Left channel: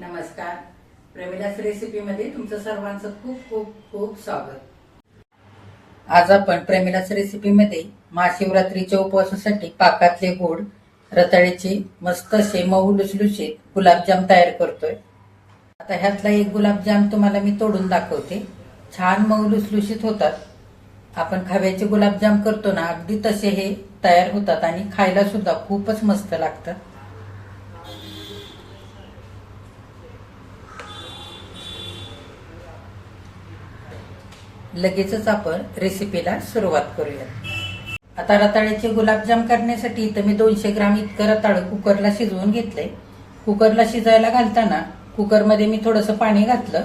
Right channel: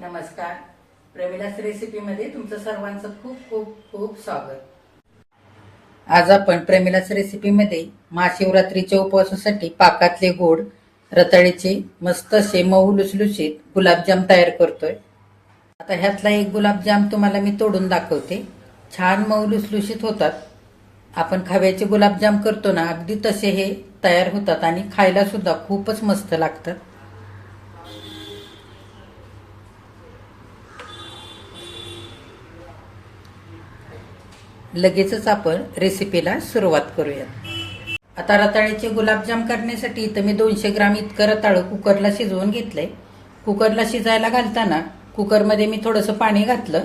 नमस्कार. प्रमिलास रेसिपीमध्ये तुमचं सर्वांचं खूप खूप खूप स्वागत. आज आपण प्रमिलास रेसिपीमध्ये महाशिवरात्रीच्या उपवासासाठी पाकातले गोड रताळीचे मस्त असे मऊ लुसलुशीत गुलाबजाम तयार करतोय. आता ह्यातला एक गुलाबजाम तुम्हाला मी तोडून दाखवते. छान मऊ लुसलुशीत होतात. आपण खव्याचे गुलाबजाम करतो ना, अगदी तसे हे तयार होतात आणि खायला सुद्धा खूपच मस्त लागतात. लगेचच आपण रेसिपीला सुरुवात करूया. आता रताळ्याचे गुलाबजाम करण्यासाठी इथं मी 200 ग्राम इतकं रताळं कुकरला शिजवून घेतलंय. कुकरला शिजायला घालताना कुकरमध्ये मी थोडंसं पाणी घातलं.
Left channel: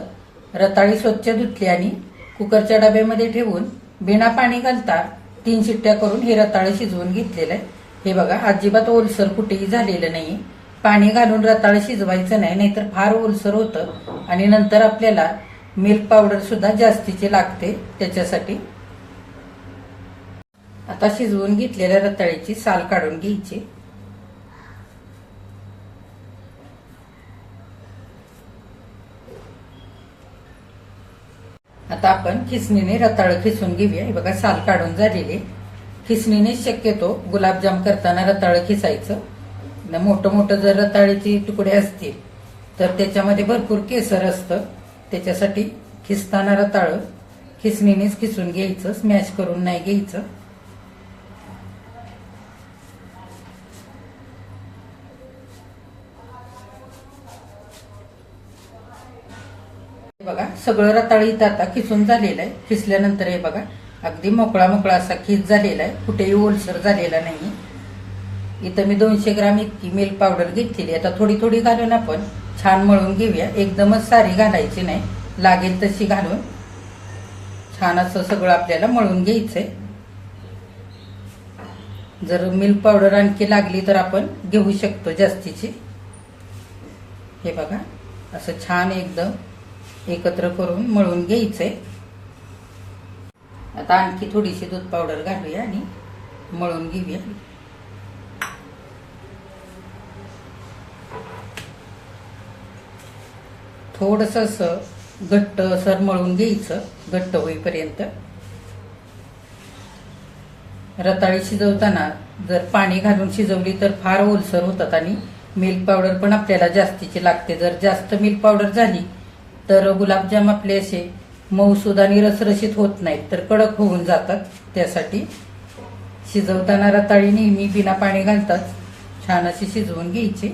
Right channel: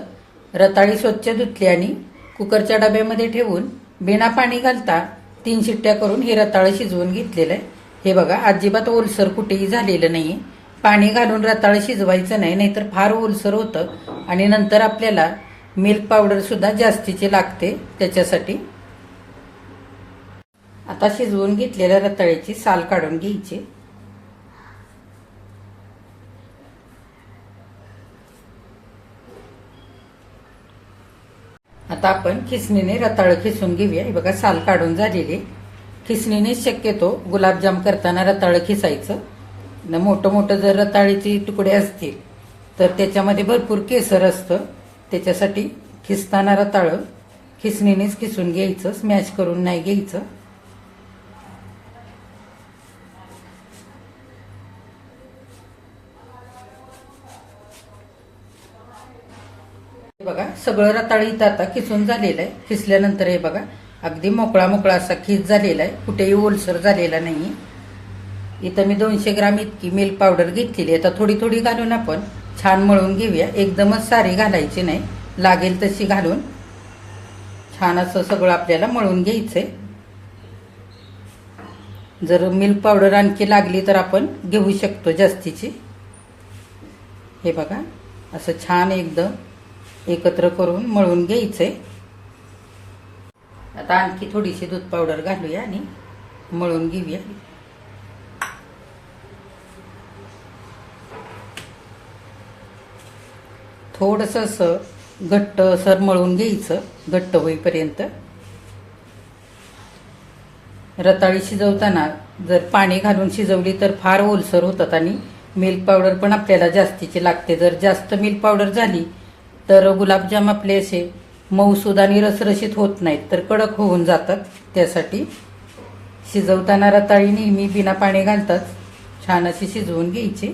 रताळी स्वच्छ धुतली आणि कुकरच्या डब्यामध्ये ठेवून बिना पाणी घालता 3 शिट्ट्या करून हे रताळं शिजवून घेतलेलं आहे. हे बघा, अजिबात ओलसर कुठेही झालेलं नाही. पाणी घालून रताळं शिजवायचं नाही, नाहीतर फार ओलसर होतं आणि नंतर आपल्याला मिल्क पावडर सुद्धा जास्तीची लागते त्याच्यासाठी. आता शिजवून घेतलेल्या रताळ्याची साल काढून घ्यायची. आता आपण खिसणीने रताळं खिसून घेऊया. हे बघा, साल काढून झालेले. खिसणीने शक्यतो गुलाबजाम करताना रताळं खिसायचं. मोठं मोठं जर रताळीचे तुकडे असतील तर त्याच्यामध्ये भरपूर केसर असतं. त्याच्यासाठी खिसताना रताळं खिसणीनेच खिसून घ्यायचं, स्मॅश करून नाही घ्यायचं. बघा, सगळं रताळं इथं आता खिसून झालेलं आहे. खिसल्यानंतर हे बघा, अगदी मोकळा मोकळा असा खिस झालेला आहे, कुठेही ओलसर झालेला नाही. इथं मी 200 ग्राम इतकी मिल्क पावडर घेतलेली. आता थोडी थोडी घालून आपण छान मळून घेऊया. एकदमच सारी घालायची नाही, लागेल तशी घालून छान असं सगळं आपल्याला मळून घ्यायचंय. जर मिल्क पावडर आणखी लागली तर आपण घेऊ शकतो जास्तीची. हे बघा, असं छान एकदम एकत्र करून मळून घ्यायचंय. आता आणखी थोडीशी दूध पावडर घालूया आणि मळून घेऊया. थोडंसं असं घट्ट सर मळून घ्यायचं, घट्ट होईपर्यंत. रताळी शिजवताना जर पाणी घालून शिजवली तर फार ओलसर होतात आणि मिल्क पावडर पण आपल्याला जास्तीची लागते. जर जास्त मिल्क पावडर झाली तर गुलाबजाम आपले असे मऊसूद आणि रसरशीत होत नाहीत, तर कडक होऊन जातात. त्यासाठी शिजवताना रताळी नेहमी बिना पाणी घालताच छान अशी शिजवून घ्यायची.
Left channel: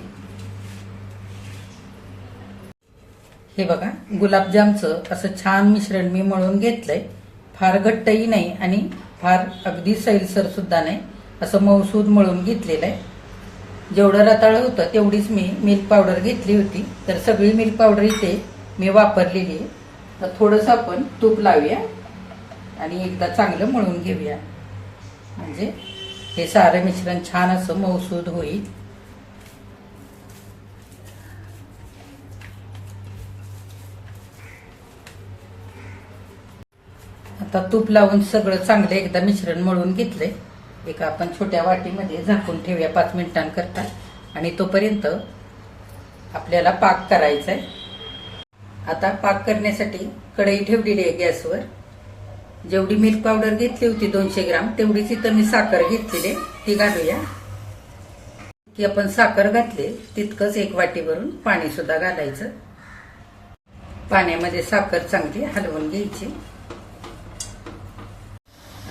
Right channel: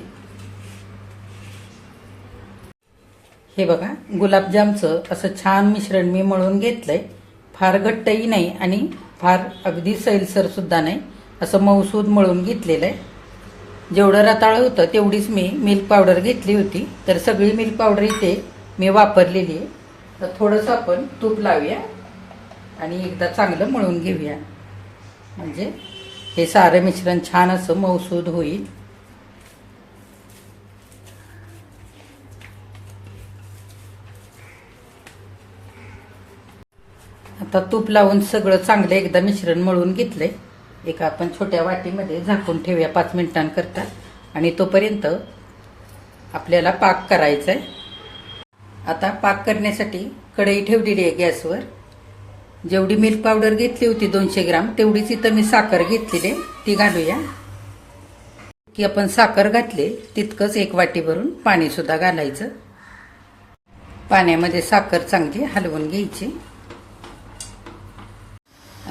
हे बघा, गुलाबजामचं असं छान मिश्रण मी मळून घेतलंय. फार घट्टही नाही आणि फार अगदी सैलसर सुद्धा नाही, असं मऊसूद मळून घेतलेलं आहे. जेवढं रताळं होतं तेवढीच मी मिल्क पावडर घेतली होती, तर सगळी मिल्क पावडर इथे मी वापरलेली आहे. तर थोडंसं आपण तूप लावूया आणि एकदा चांगलं मळून घेऊया, म्हणजे हे सारं मिश्रण छान असं मऊसूद होईल. आता तूप लावून सगळं चांगलं एकदा मिश्रण मळून घेतलंय. एका आपण छोट्या वाटीमध्ये झाकून ठेवूया 5 मिनिटांकरता. आणि तोपर्यंत आपल्याला पाक करायचा आहे. आता पाक करण्यासाठी कढई ठेवलेली आहे गॅसवर. जेवढी मिल्क पावडर घेतली होती 200 ग्राम, तेवढीच इथं मी साखर घेतलेली, ती घालूया. की आपण साखर घातली तितकंच 1 वाटी भरून पाणी सुद्धा घालायचं. पाण्यामध्ये साखर चांगली हलवून घ्यायची.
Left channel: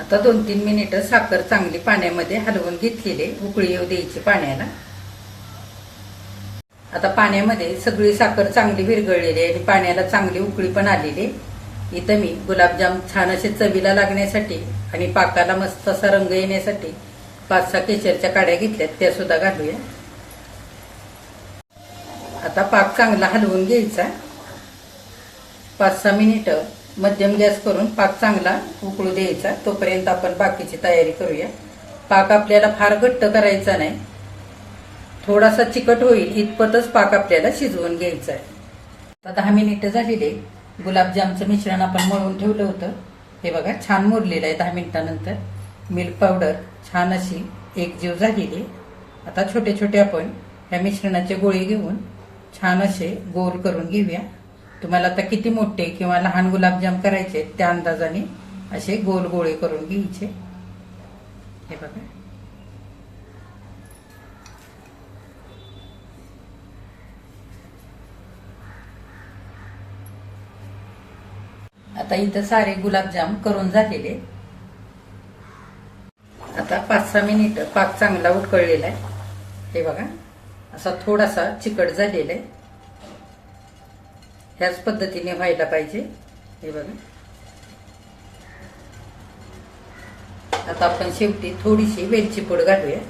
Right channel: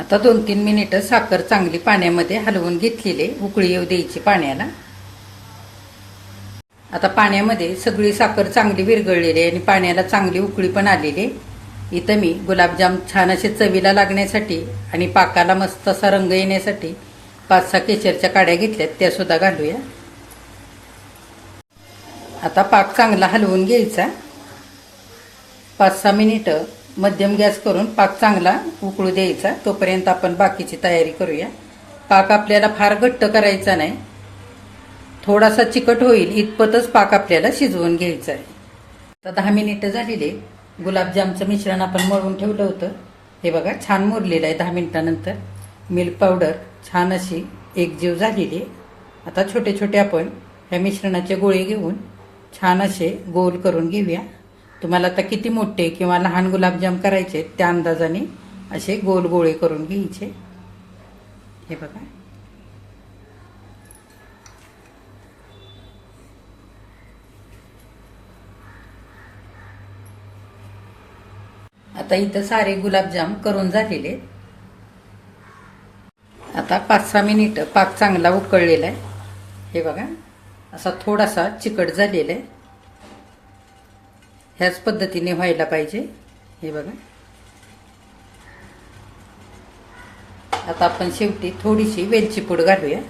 आता 2-3 मिनिटं साखर चांगली पाण्यामध्ये हलवून घेतलेली, उकळी येऊ द्यायची पाण्याला. आता पाण्यामध्ये सगळी साखर चांगली विरघळलेली आहे आणि पाण्याला चांगली उकळी पण आलेली. इथं मी गुलाबजाम छान असे चवीला लागण्यासाठी आणि पाकाला मस्त असा रंग येण्यासाठी 5-6 केशरच्या काड्या घेतल्यात, त्या सुद्धा घालूया. आता पाक चांगला हलवून घ्यायचा. 5-6 मिनिटं मध्यम गॅस करून पाक चांगला उकळू द्यायचा. तोपर्यंत आपण बाकीची तयारी करूया. पाक आपल्याला फार घट्ट करायचा नाही, थोडासा चिकट होईल इतपतच पाक आपल्याला शिजवून घ्यायचा आहे. आता 10 मिनिटं झालेले. गुलाबजामचं मिश्रण आपण मळून ठेवलं होतं, हे बघा छान मुरलेलं आहे. 10 मिनिटानंतर मिल्क पावडर छान अशी एकजीव झालेली. आता छोटे छोटे आपण ह्या मिश्रणाचे गोळे घेऊन छान असे गोल करून घेऊया. तुम्हाला आता किती मोठे किंवा लहान गुलाबजाम करायचे त्या अंदाजाने असे गोल गोळे करून घ्यायचे. हे बघा. आता इथं सारे गुलाबजाम करून झालेले. आता 5-6 मिनिट पाक चांगला उकळलेला आहे. हे बघा, असा थोडासा चिकट झालेला आहे. ह्याच पद्धतीने व्हायला पाहिजे. हे बघा. आता आपण शेवटी थोडीशी वेलची पूड घालूया.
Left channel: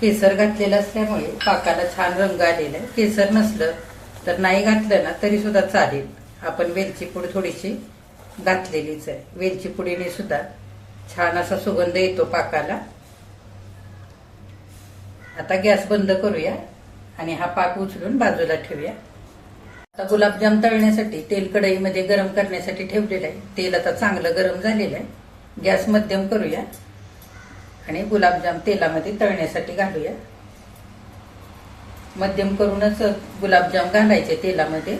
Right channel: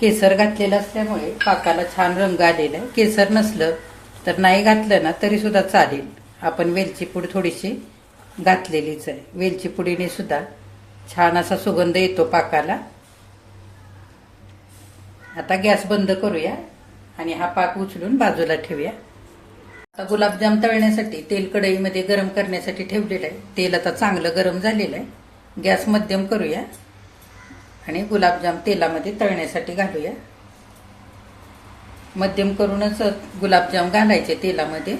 केसर घातलेलं असल्यामुळे पाकाला छान रंग आलेला आहे. केसर नसलं तर नाही घातलं ना तरी सुद्धा चालेल. आपण वेलची पूड थोडीशी घातलेलीच आहे. वेलची पुडीने सुद्धा छान असा सुगंध येतो पाकाला. आता गॅस बंद करूया आणि हा पाक उचलून बाजूला ठेवूया. आता गुलाबजाम तळण्यासाठी तेल कढईमध्ये गरम करण्यासाठी ठेवलेलं आहे. तेल आता चांगलं गरम झालेलं आहे. गॅस मध्यम करूया आणि गुलाबजाम तेलामध्ये तळण्यासाठी घालूया. मध्यम करूनच गुलाबजाम घालायचे तेलामध्ये.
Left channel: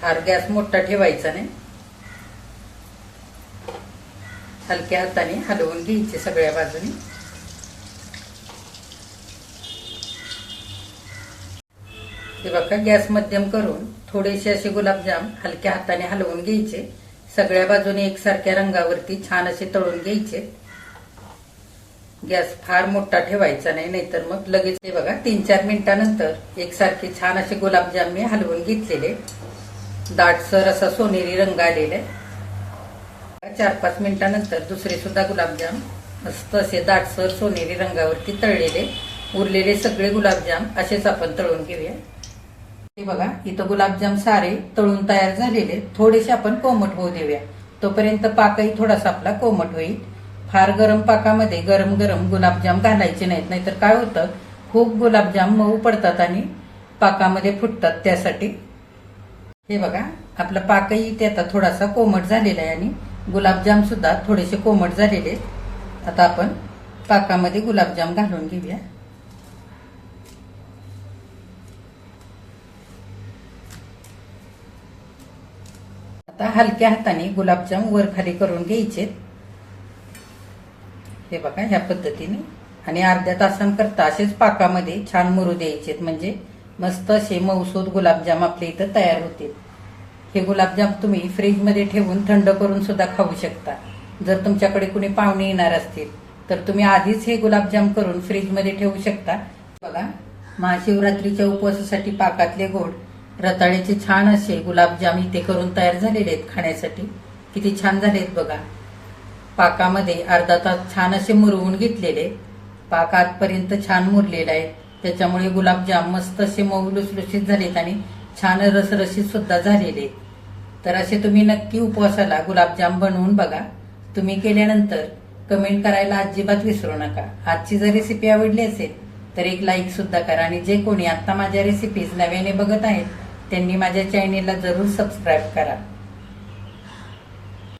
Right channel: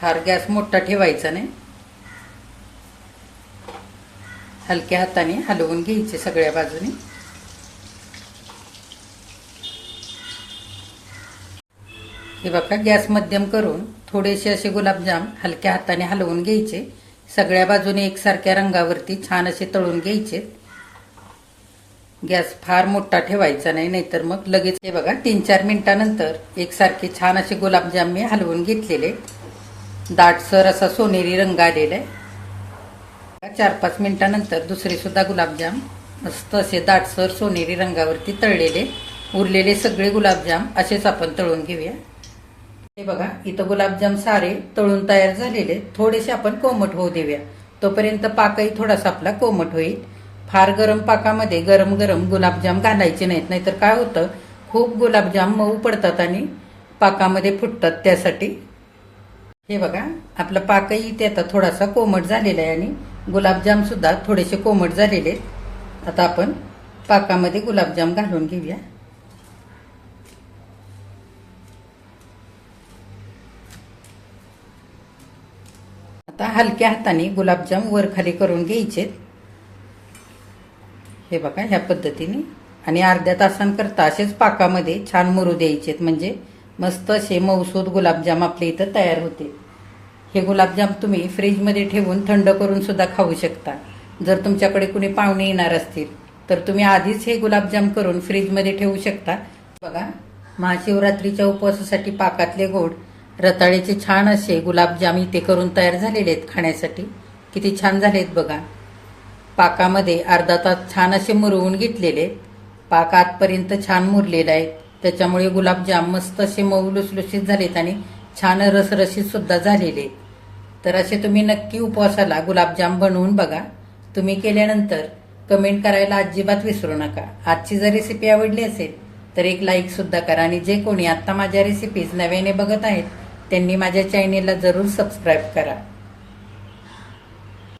फार गॅस मोठा ठेवायचा नाही. हलक्या हाताने हलवून घ्यायचे सगळ्या बाजूनी. हे बघा, गॅस मध्यम करून थोडेसे असे गुलाबजाम हलक्या हाताने हलवून घ्यायचे. सगळ्या बाजूने एकसारख्या रंगावरती छान असे तळून घ्यायचे. गॅस फार मोठा ठेवायचा नाही, नाहीतर मग लगेच. हे बघा, 3-4 मिनिटानंतर एकसारखे छान असे गुलाबजाम मी हलवून घेतलेले. दाटसर असा सोनेरी रंग आलेला आहे. 4-5 मिनिटानंतर दुसरे सुद्धा गुलाबजाम मस्त असे दाटसर सोनेरी रंगावरती तळलेले. उरलेले सगळे गुलाबजाम असेच आपण तळून घेऊया. हे बघा, इथं गुलाबजाम सारे तळून तयार झालेले. थोडेसे आपण कोमट होऊ देऊया. तोपर्यंत पाकही थोडासा आपला कोमट होईल. फार गरम पाकामध्ये गरम गरम गुलाबजाम घालायचे नाहीत, नाहीतर काय होतं, खूप गुलाबजाम मऊ पडतात आणि पाकामध्ये फुटतात. त्यासाठी हे बघा, आपला पाकही इथे आता थोडासा कोमट झालेला आहे आणि गुलाबजाम सुद्धा थोडेसे कोमट झालेले. आता आपण पाकामध्ये गुलाबजाम घालून घेऊया. आता हलक्या हाताने गुलाबजाम वर खाली करून घ्यायचे. हे बघा, ह्या पद्धतीने. आणि अर्ध्या तासांकरता असेच पाकामध्ये छान मुरू द्यायचे, म्हणजे मस्त असे मऊसूद गुलाबजाम आपल्या इथं तयार होतील. हे गुलाबजाम तुम्ही फ्रीजमध्ये ठेवून थंड करून सुद्धा खाऊ शकता. जर तुमच्याकडे कुणी पाहुणे येणार असतील तर तुम्ही आधीच हे गुलाबजाम करून फ्रीजमध्ये ठेवू शकता. बघा, महाशिवरात्रीच्या उपवासासाठी पाकातले गोड रताळ्याचे छान असे गुलाबजाम इथे करून तयार झालेले आहेत खाण्यासाठी. किती छान झालेत बघा. पाकामध्ये अर्धा तास छान असे मुरवून घेतलेले. पाक आतपर्यंत छान मुरलेला आहे. त्याच्यामुळे गुलाबजाम मस्त असे मऊ लुसलुशीत झालेत आणि छान रसरशीत सुद्धा झालेले. तर असे तुम्ही नक्की उपवासाला गुलाबजाम बनवून बघा. तुम्ही केल्यानंतर कमेंट करायला अजिबात विसरू नका. आजची जर रेसिपी आवडली असेल तर एक लाईक सुद्धा करा. आणि जे कोणी आता माझ्या रेसिपीज नव्याने बघत आहेत त्यांनी माझ्या चॅनेलला जरूर सबस्क्राईब करा.